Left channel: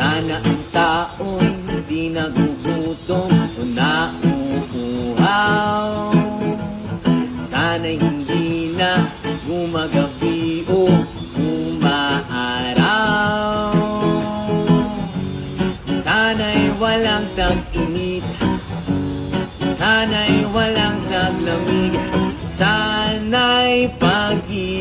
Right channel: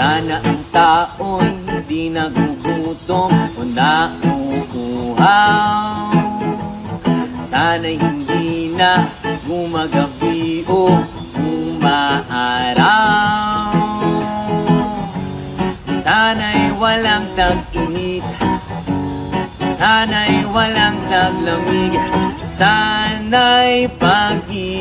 Sana ang tao'y di nagugutom o nauuhaw. Sana'y hindi na gumagabi o umaaraw. Sana'y walang tag-init, sana'y walang taglamig, sana'y pag-ibig